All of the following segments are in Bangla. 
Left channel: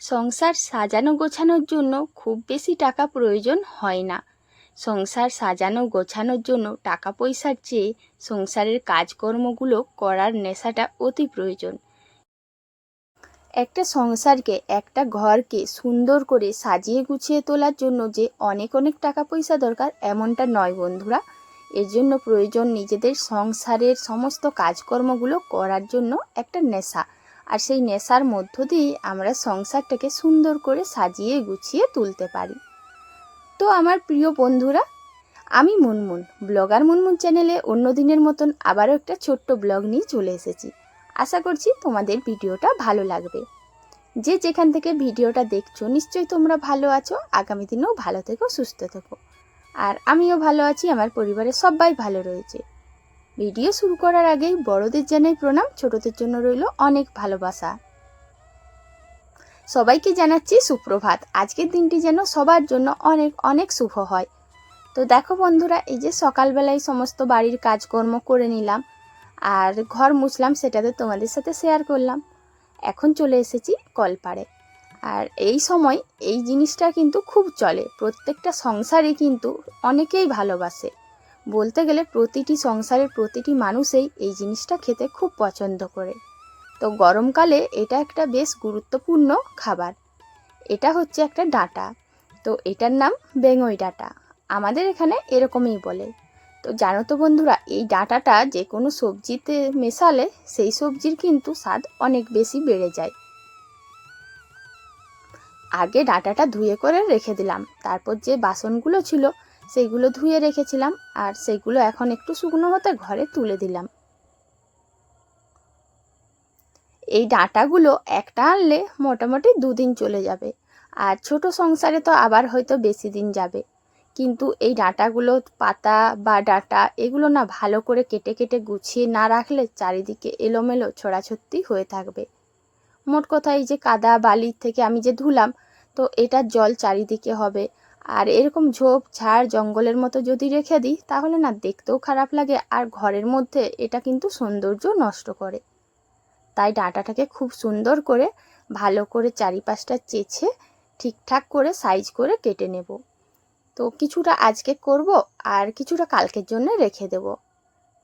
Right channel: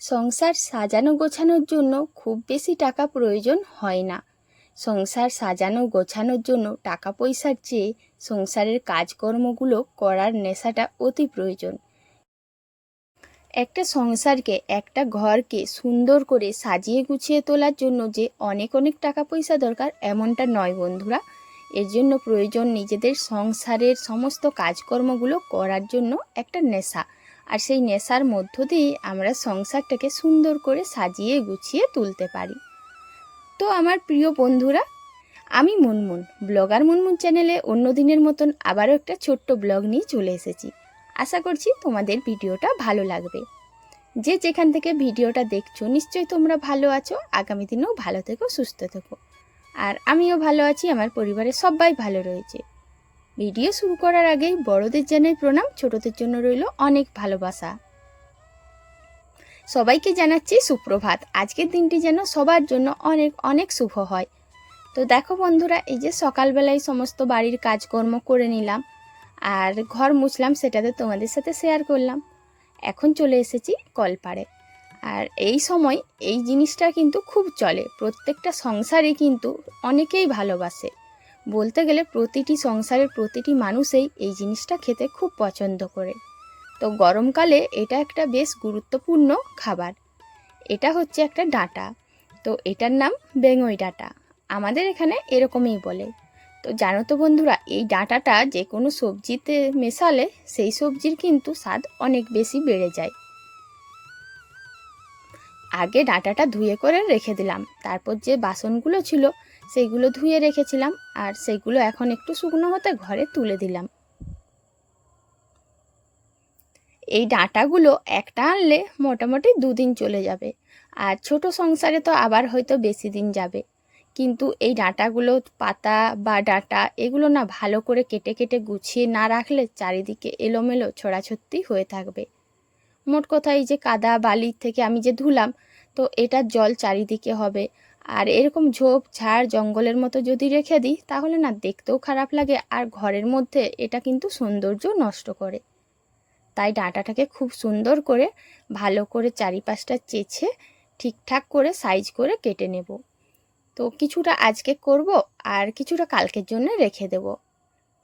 সংসার সাজানো গোছানোর জন্য খুব বেশি টাকা প্রয়োজন হয় না। সংসার সাজানো গোছানোর জন্য টাকা পয়সার চেয়ে সংসারের কাজকর্মগুলো করার নেশাটা অতি প্রয়োজন। একটা সংসারকে, একটা ঘরকে সুন্দর করে সাজিয়ে গুছিয়ে তোলার জন্য যে অনেক অনেক টাকা পয়সা দরকার এমনটা নয় বন্ধুরা। এর জন্য প্রয়োজন নিজেদের সংসারের সমস্ত কাজকর্মগুলো করার জন্য একটা নেশা। আর সেই নেশার মধ্য দিয়ে আমরা সংসারটাকে সুন্দর করে সাজিয়ে গুছিয়ে তুলতে পারি। তো আমার প্রিয় বন্ধুরা, আমি মুনমুন, ব্লগার মুনমুন চ্যানেলে অন্য দিনের মতন আবারও একটা ছোট্ট ব্লগ নিয়ে চলে এসেছি। আশা করছি তোমাদের ভিডিওটা ভালো লাগবে। যে যেখান থেকে ভিডিওটা দেখছো নিশ্চয়ই তোমরা ভালো আছো, আগামী দিনেও ভালো থেকো, সুস্থ থেকো। আর আমিও ভালো আছি, আমার পরিবারের সবাই ভালো রয়েছে। ভিডিও শুরু করার আগেই বড়দের জানাই প্রণাম, ছোটদের জন্য রইল অনেক ভালোবাসা। সবাইকে জানাচ্ছি সুপ্রভাত। আজকের দিনটি যেন সবার জন্য অনেক অনেক শুভ হয়। তো দেখো বন্ধুরা, এই যে সকালবেলায় সমস্ত বাড়ির কাজকর্ম করে নিলাম আর ঘর মুছলাম, সেটাতে তোমাদের সাথে শেয়ার করলাম। এখন চলে এসেছি কলপাড়ে। আর এই সময় এই জিনিসটা কিন্তু খুব চলে, প্রত্যেকটা সংসারে কিন্তু অনেকেই ভালোবাসে। বলতে গেলে প্রতিটি সংসারের প্রতিটি মানুষই এই জিনিসটা খেতে খুব পছন্দ করে। তো গরমকালে এটা একটা বেশ গুরুত্বপূর্ণ খাবার। এটা হচ্ছে একটা ডাঁটা, তো এটার নাম বেঙই ডাঁটা, আমাদের এখানে এরকমই বলে। তো জানো তো বন্ধুরা, এই ডাঁটাটা যে কোনো সবজিতে মেশালে সেই সবজির কিন্তু স্বাদ অনেক বেশি বেড়ে যায়। আগে ডাঁটাটা ধুয়ে করে রেখে দিলাম, তারপর যে বাসনগুলো ছিল সেইগুলো ধুয়ে রেখেছিলাম আর সেইগুলো এখন একটু শুকনো হতে ঘরে তুলে দিলাম। এই ডাঁটাগুলো একটা আনলে মোটামুটি 2 দিন চলে যাবে, আর ছোট সংসারে তো আবার হয়তো বেশি দিন যাবে। কিন্তু এই ডাঁটাগুলো, পাতা বা ডাঁটা, এগুলো না ভালো করে কেটে কেটে গুছিয়ে না রাখলে চারিদিকে এলোমেলো ছড়াছড়ি হয়ে থাকবে। মোট কথা, এই যে কাদা বালির থেকে আমি যে ধুলাম, তো এটার জল চারিদিকে হবে। আর এরকম ঝোপ ঝাড় জঙ্গলের মতো যদি রেখে দিই তাহলে না দেখতেও খারাপ লাগে, আর ঘরের মধ্যে এটা কিন্তু সৌন্দর্য নষ্ট করে। তাই ডাঁটাটাকে খুব সুন্দর করে ভালো করে চারিপাশটা চেঁচে ঠিকঠাক করে সাইজ করে কেটে নেব। তো কিছুটা আজকে করব আর কিছুটা কালকের জন্য রেখে দেব।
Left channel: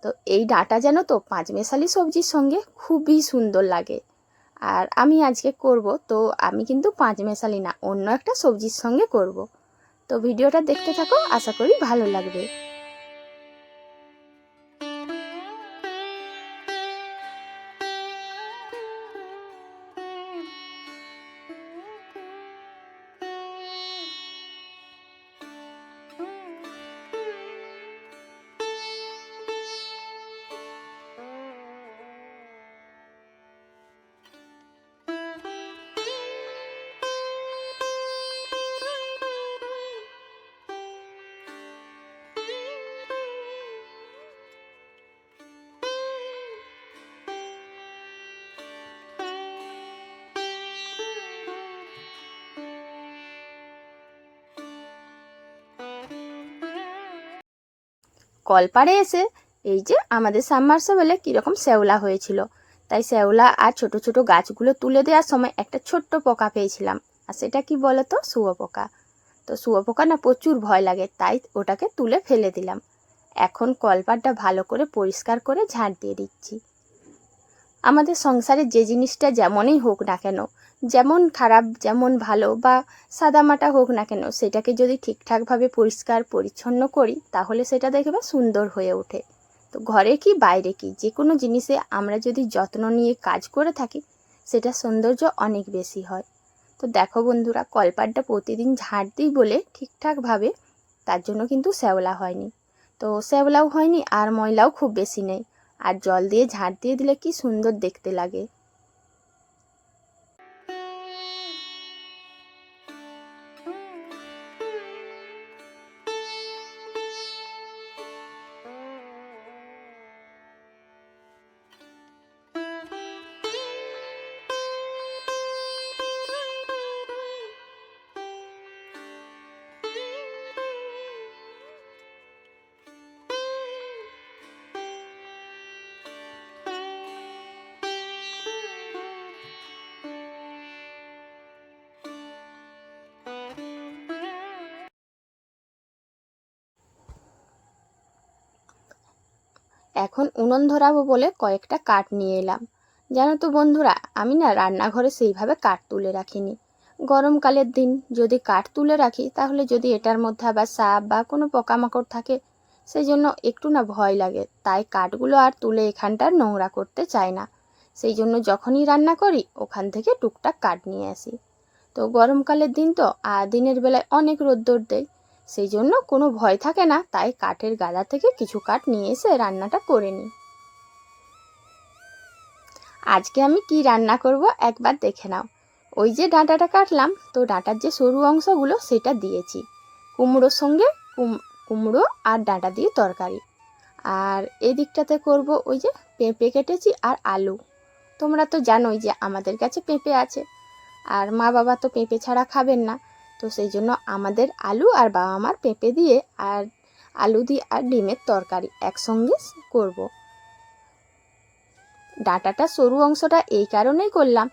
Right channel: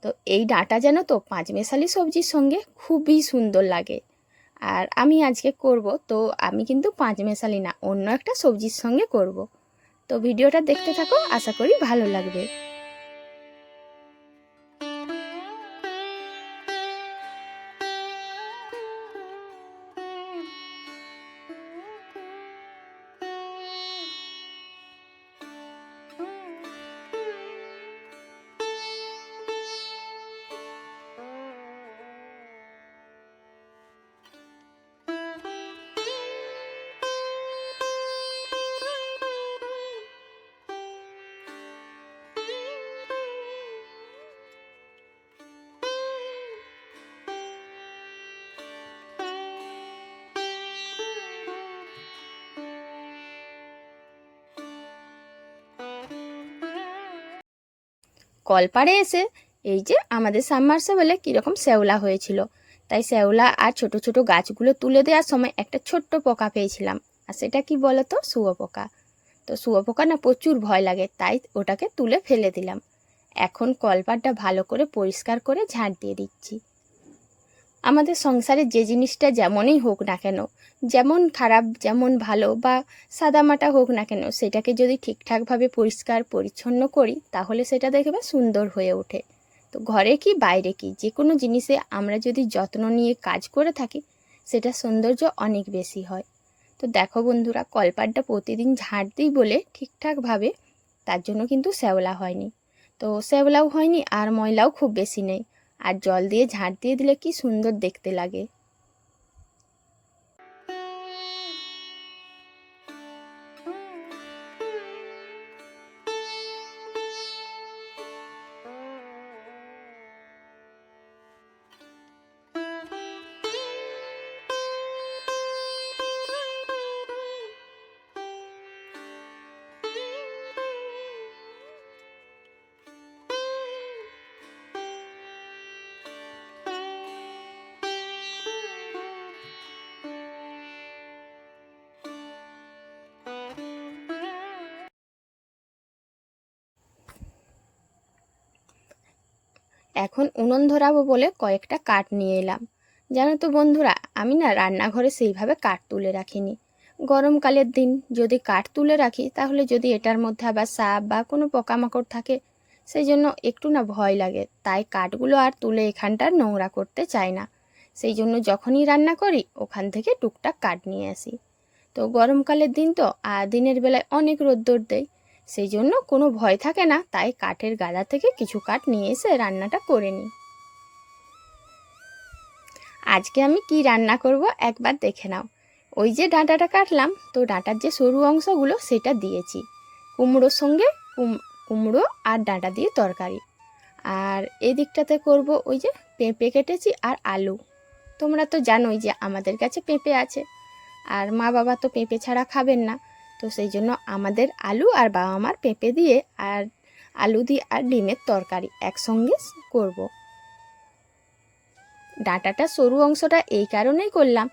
তো এই ডাঁটা যেন তো পাঁচমেশালি সবজির সঙ্গে খুবই সুন্দর লাগে। আর আমি আজকে করব, তো আমি কিন্তু পাঁচমেশালি না, অন্য একটা সবজির সঙ্গে করব। তো ভিডিওটা দেখতে থাকো, আশা করি ভালো লাগবে। কলপাড়ে এসে এই যে আমাদের সাবমার্সিবলে কীরকম শ্যাওলা হয়েছিল, তাই শ্যাওলা আর ছোট ছোট গাছগুলো তুলে দেওয়ার সময় একটা ছোট্ট পোকা পেয়েছিলাম। আর সেটা কি বলো তো, শুয়োপোকা। তো শুয়োপোকা না প্রচুর ভয় লাগে, তাই ওটাকে তুলে ফেলে দিলাম। এখন কলপাড়টা ভালো করে পরিষ্কার করে ঝাঁট দিয়ে দিচ্ছি। আমাদের সংসারে যে জিনিসটা যেমনই হোক না কেন, যেমন খারাপ যেমন ভালো বা সাদামাটা হোক না কেন, সেটাকে যদি ঠিকঠাকভাবে পরিষ্কার পরিচ্ছন্ন করি তাহলে সেটা দেখবে সুন্দর হয়ে ওঠে। তো ঘরে কি বাইরে কি, যে কোনো জিনিসে আমরা যদি যত্ন নিয়ে কাজ করে থাকি সেটা সৌন্দর্য অনেক বেশি হয়। তো দেখো বন্ধুরা, কলপাড়টা প্রতিদিন ঝাঁট দিই বলে ঠিকঠাকভাবে, তার জন্য কিন্তু শ্যাওলা হয়নি। তো শ্যাওলাও হয়নি আর ময়লাও খুব বেশি নেই। আর জল দিয়ে ঝাঁট দিয়ে দিলে কি সুন্দর দেখতে লাগে। এখন উনুন ধরাবো বলে কয়েকটা কাঠ নিয়ে এলাম। জানো তো বন্ধুরা, আমি না রান্নাঘরে সেইভাবে কাঠ তুলে রাখিনি। গরমকালের দিন যদি কাঠ তুলে রাখি, তাহলে যদি এটার মধ্যে আবার সাপ বা কোনো পোকামাকড় থাকে, সেই জন্য একটু না ভয় লাগে। তাই কাঠগুলো আর তুলে এখানটার নোংরা করতে চাই না। সেই জন্য যখনই রান্না করি ওখান থেকে টুকটাক কাঠ নিয়ে আসি। তো গরমকালের দিন তো, আর দিনের বেলায় অনেক রোদ্দুর দেয়, সেই জন্য কোনো ভয় থাকে না। তাই কাঠের গাদা থেকে কিছু কাঠ নিয়ে এসে রান্নাটা করে নিই। আজকে আমি কি রান্না করব একবার দেখে নাও। ওই যে ডাঁটাটা কাটলাম, তো ডাঁটার যে সরু অংশগুলো সেটা দিয়েছি কুমড়োর সঙ্গে। কুমড়ো আর ডাঁটা দিয়ে তরকারি। আর এদিকটাতে করব ওই যে পেঁপে কেটেছি আর আলু। তোমরা তো জানোই যে আমাদের কাছে পেঁপে আছে, আর মা বাবা তো পেঁপে ছাড়া খাবেন না। তো সেই জন্য আমাদের আলু আর বাবা মার পেঁপে দিয়ে আর আলু দিয়ে আর ডিমের তরকারি একসঙ্গে করব। ডাঁটাটা সরু অংশটা এই কারণেই করলাম,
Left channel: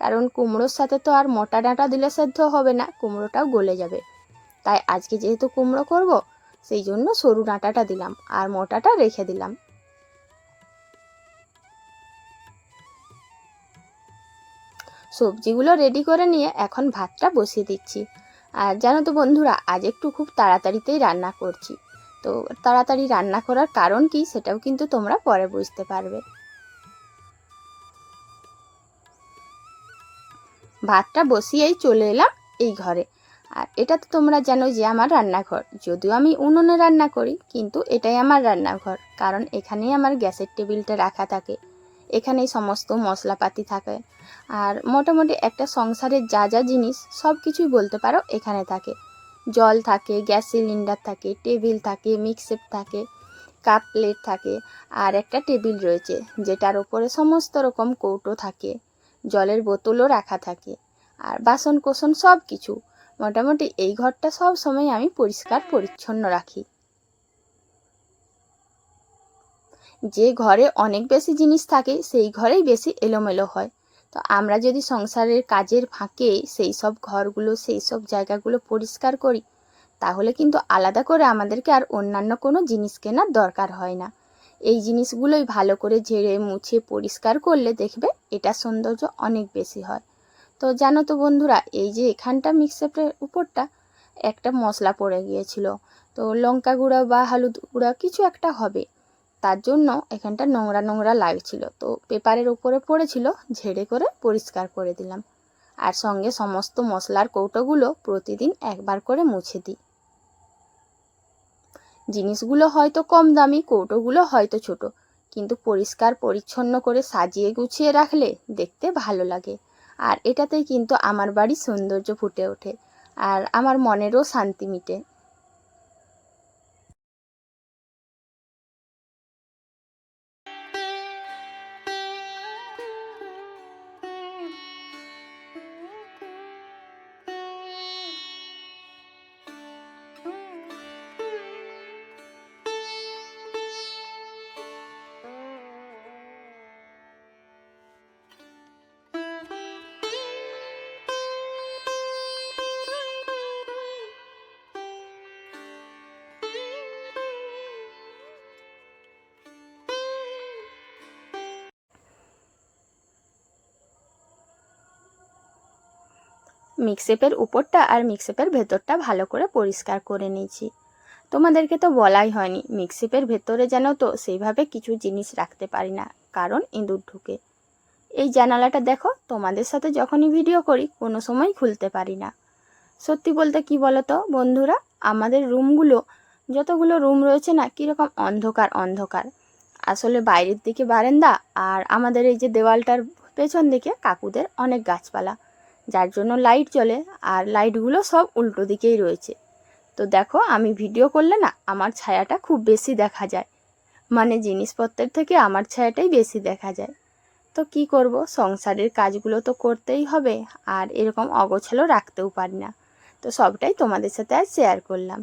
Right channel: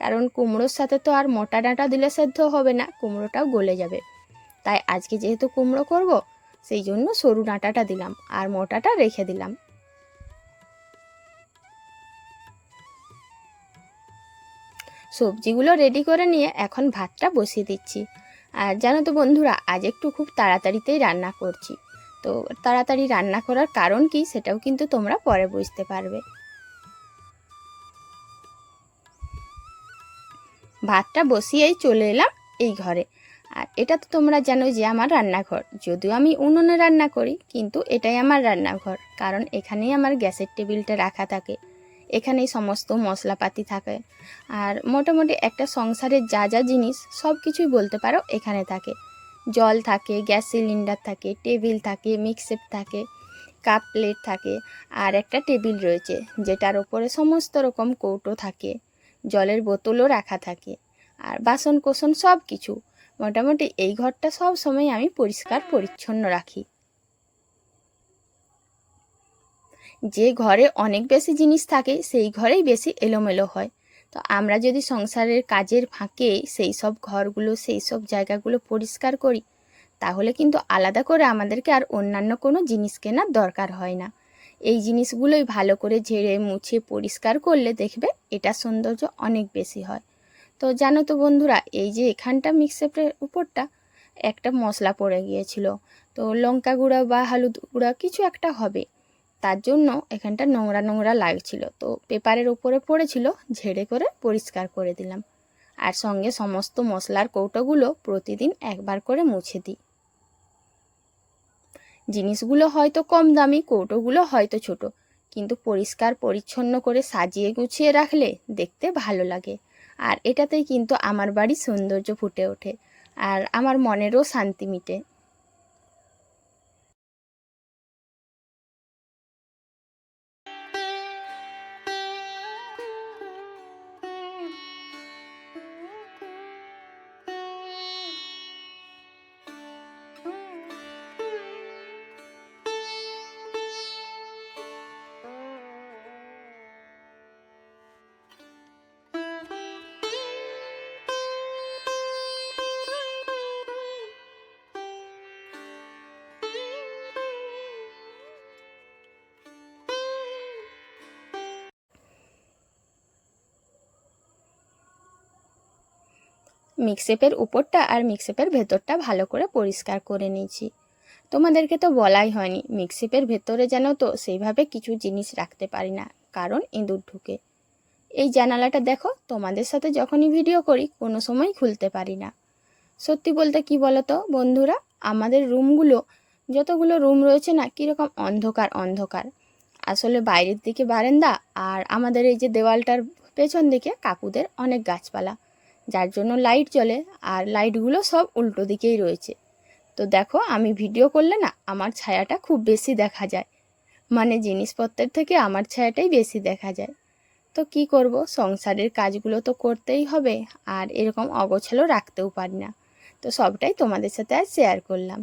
কারণ কুমড়োর সাথে তো আর মোটা ডাঁটা দিলে সেদ্ধ হবে না, কুমড়োটাও গলে যাবে। তাই আজকে যেহেতু কুমড়ো করব, সেই জন্য সরু ডাঁটাটা দিলাম আর মোটাটা রেখে দিলাম। সবজিগুলো রেডি করে নিয়ে এখন ভাতটা বসিয়ে দিচ্ছি। আর জানো তো বন্ধুরা, আজ একটু খুব তাড়াতাড়িতেই রান্না করছি। তো তাড়াতাড়ি রান্না করার কারণ কি সেটাও কিন্তু তোমরা পরে বুঝতে পারবে। ভাতটা বসিয়েই চলে এলাম এই ঘরে। আর এটা তো তোমরা জানো যে আমার রান্নাঘর, যদিও আমি উনুনে রান্না করি, কিন্তু এটাই আমার রান্নাঘর, কারণ এখানেই আমার গ্যাসের টেবিলটা রাখা থাকে, এখানেই সমস্ত মশলাপাতি থাকে। আর মোটামুটি একটা সংসারের যা যা জিনিস সব কিছুই বলতে পারো এখানে থাকে। জল থাকে, গ্যাস সিলিন্ডার থাকে, টেবিল থাকে, মিক্সেপ থাকে, কাপ প্লেট থাকে, আর একটা টেবিল রয়েছে যেটার ওপরে সমস্ত রকম কৌটো থাকে, জলের বোতলও রাখা থাকে, আর বাসন কোসন সব কিছু। মোটামুটি এই ঘরটা সব সময় আমি পরিষ্কার পরিচ্ছন্ন রাখি। যে ঘরে অনেক বেশি জিনিস থাকে সেই ঘরেই বেশি এলোমেলো হয়। তো আমরা যদি সংসারের কাজের ফাঁকে সেই সব ঘরগুলো, সেই সব জায়গাগুলো পরিষ্কার করি, তাহলে কিন্তু আলাদা করে আমাদেরকে আর অন্যান্য কোনো জিনিস কেনার দরকার হয় না। এই জিনিসগুলোই ভালো করে ঝেড়ে মুছে পরিষ্কার করলে দেখবে এটার সৌন্দর্য অনেক বেশি হয়। তো জানো তো বন্ধুরা, এই যে এখানটা মিক্সারের উপরটা একটা মশলা পড়ে গিয়েছিল, তো লঙ্কা গুঁড়া বা হলুদ গুঁড়া কিছু একটা হবে, তার জন্য এখানটা নোংরা নোংরা লাগছিল। তো পেপারের উপরে পড়েছিল, ঝেড়ে করে পরিষ্কার করে দিলাম। আর সঙ্গে সমস্ত মশলার কৌটোগুলো প্রতিদিন একবার করে মুছে দিই। জিনিসগুলো হয়তো কম দামি, কৌটোগুলো হয়তো ছোট, কিন্তু পরিষ্কার পরিচ্ছন্ন করে সাজিয়ে গুছিয়ে রাখলে দেখতে ভালো লাগে। আর এটাতেই কিন্তু আমার বাড়ির সৌন্দর্য ফুটে ওঠে, আর আমার মনেরও শান্তি মিটে। মিক্সেপের উপরটা আর মিক্সেপের ভেতরটা ভালো করে পরিষ্কার করে নিয়েছি। তোমাদেরকে তো বলাই হয়নি, মিক্সিপের ভেতরে যেন তো সেইভাবে কিছু জিনিস রাখতে পারি না, কারণ ইঁদুর ঢুকে। এই জানালাটা দেখো, তোমাদের সাথে যখনই ভিডিও করি কোনো সময় খুলতে পারি না। সত্যি বলতে কি বলো তো বন্ধুরা, আমাদের রুমগুলো, যতগুলো রুম রয়েছে না, কীরকম অন্ধকার অন্ধকার। আসলে বাইরের দিকে বারান্দা, আর আমাদের এই যে দেওয়ালটার পেছন দিকে কাকুদের অনেক গাছপালা, যার জন্য লাইট জ্বলে, আর লাইটগুলো সব উল্টো দিকেই রয়েছে। তো দেখো, আমি ভিডিও করলে না আমার ছায়াটা খুব বেশি দেখা যায়, মানে জিনিসপত্রের থেকে আমার ছায়াটাই বেশি দেখা যায়। তো কি করব, সংসারের কাজগুলো তো করতেই হবে, আর এরকম অগোছালো রাখতেও পারি না। তো সবটাই তোমাদের সাথে আজ শেয়ার করলাম।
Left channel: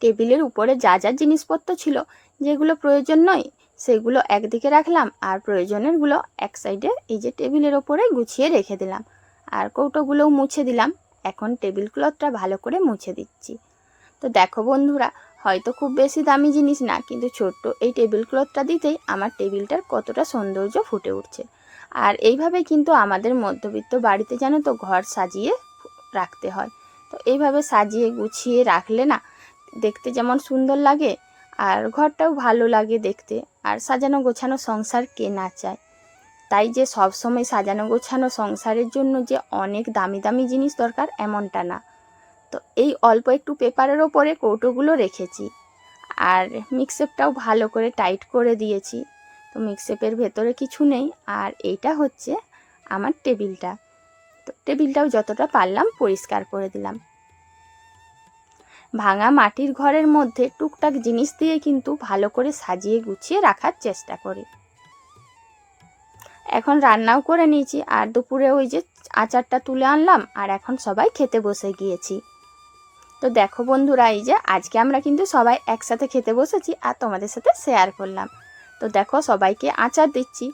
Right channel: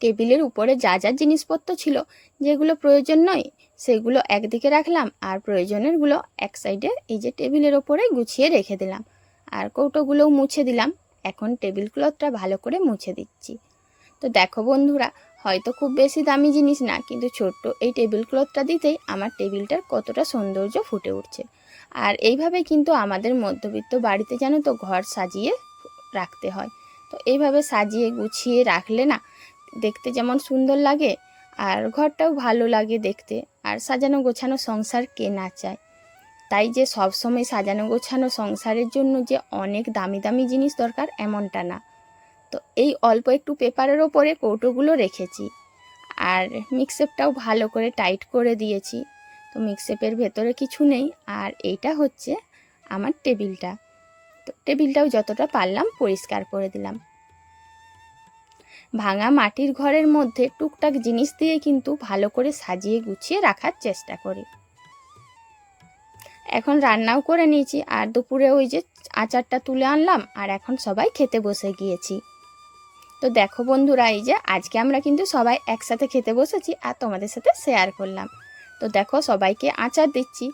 টেবিলের উপরে যা যা জিনিসপত্র ছিল, যেগুলো প্রয়োজন নয় সেগুলো একদিকে রাখলাম, আর প্রয়োজনেরগুলো এক সাইডে এই যে টেবিলের ওপরে গুছিয়ে রেখে দিলাম। আর কৌটোগুলোও মুছে দিলাম। এখন টেবিল ক্লথটা ভালো করে মুছে দিচ্ছি। তো দেখো বন্ধুরা, হয়তো খুব বেশি দামি জিনিস না, কিন্তু ছোট্ট এই টেবিল ক্লথটা দিতেই আমার টেবিলটার কতটা সৌন্দর্য ফুটে উঠছে। আর এইভাবে কিন্তু আমাদের মধ্যবিত্ত বাড়িতে জানো তো ঘর সাজিয়ে রাখতে হয়। তো এইভাবে সাজিয়ে গুছিয়ে রাখলে না দেখতে যেমন সুন্দর লাগে, আর ঘরটাও ভালো লাগে দেখতে। আর সাজানো গোছানো সংসার কে না চায়। তাই যে সব সময় সাজানো গোছানো সংসারের জন্য যে অনেক দামি দামি জিনিস দরকার এমনটা না। তো এই অল্প একটু পেপারের ওপরে কৌটোগুলো রেখেছি, আর মিক্সেপটাও ভালো করে টাইট করে দিয়েছি। তো মিক্সেপের ভেতরে কিছু নেই। আর এইটা হচ্ছে আমার টেবিলটা। তো টেবিলটাও যতটা পারলাম পরিষ্কার করে দিলাম। ভাঙা মাটির ঘরের মধ্যে টুকটাক জিনিস দিয়ে কিন্তু ভালো করে সাজিয়ে গুছিয়ে রাখার চেষ্টা করি। এখন রান্নাও করে নিয়েছি, আর দুপুরে ওই যে আচারটা তুলে আনলাম, আর এখন সবাই খেতে বসে গিয়েছি। তো দেখো বন্ধুরা, এই যে আজকে আমরা কিন্তু সবাই একসাথে খেতে বসেছি, আর তোমাদের সাথে শেয়ার করলাম। তো দেখো সবাইকে আচার দিচ্ছি,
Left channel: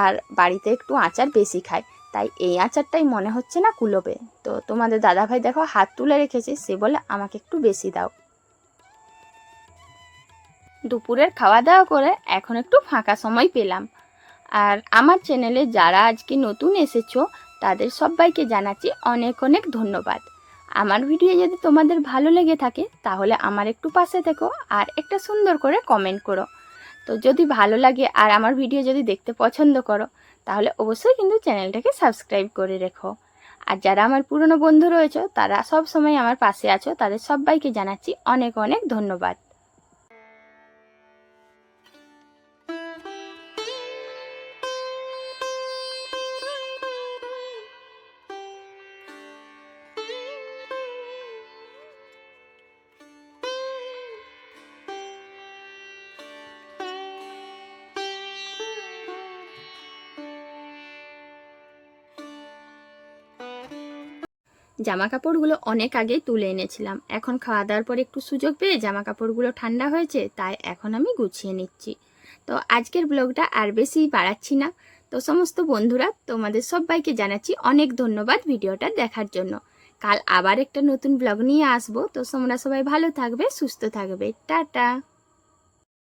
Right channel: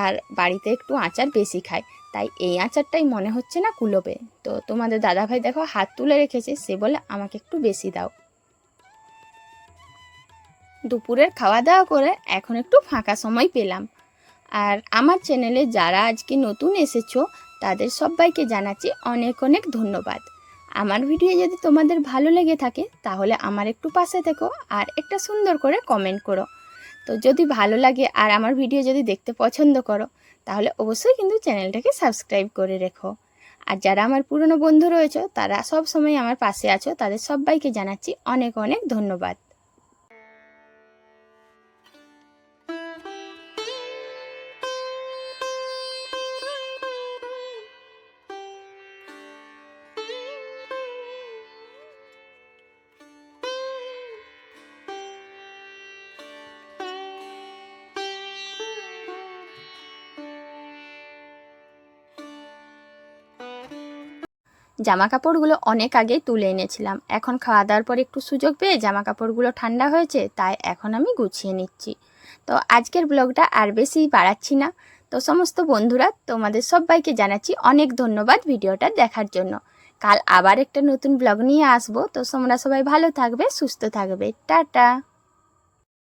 আর বাড়িতে একটু আচার বেশি খায়, তাই এই আচারটাই মনে হচ্ছে না কুলোবে। তো তোমাদের দাদাভাই দেখো হাত তুলে রেখেছে, সে বলে আমাকে একটু বেশি দাও। দুপুরের খাওয়া দাওয়া করে এখন একটু ফাঁকা সময় পেলাম। আর আমার চ্যানেলে যারা আজকে নতুন এসেছো তাদের সবাইকে জানাচ্ছি অনেক অনেক ধন্যবাদ। আমার ভিডিও যদি তোমাদের ভালো লেগে থাকে তাহলে আমার একটু পাশে থেকো, আর একটা সুন্দর করে কমেন্ট করো। তো যদি ভালো লাগে আর আমার ভিডিও যদি দেখতে পছন্দ করো তাহলে অবশ্যই কিন্তু চ্যানেলটাকে সাবস্ক্রাইব করে রেখো। আর যারা আমার পুরনো বন্ধু রয়েছে তারা সব সময় আমার পাশে আছো, তাদের সবাইকে জানাচ্ছি অনেক অনেক ধন্যবাদ। জামা কাপড়গুলো অনেক আগেই তুলে এনেছিলাম। এখন খাওয়া দাওয়ার পর একটু সুযোগ পেয়ে জামা কাপড়গুলো ঠান্ডা হয়েছে, তাই এখন আমি গুছিয়ে নিচ্ছি। তো আজকের ব্লগটা আর বেশি বাড়াচ্ছি না। তো সমস্ত বন্ধুরা তোমাদের সবাইকে জানাচ্ছি অনেক ধন্যবাদ ভিডিওটা দেখার জন্য। কাল আবার একটা নতুন ব্লগ নিয়ে আসবো। তো তোমরা সবাই ভালো থাকবে, সুস্থ থাকবে। টাটা।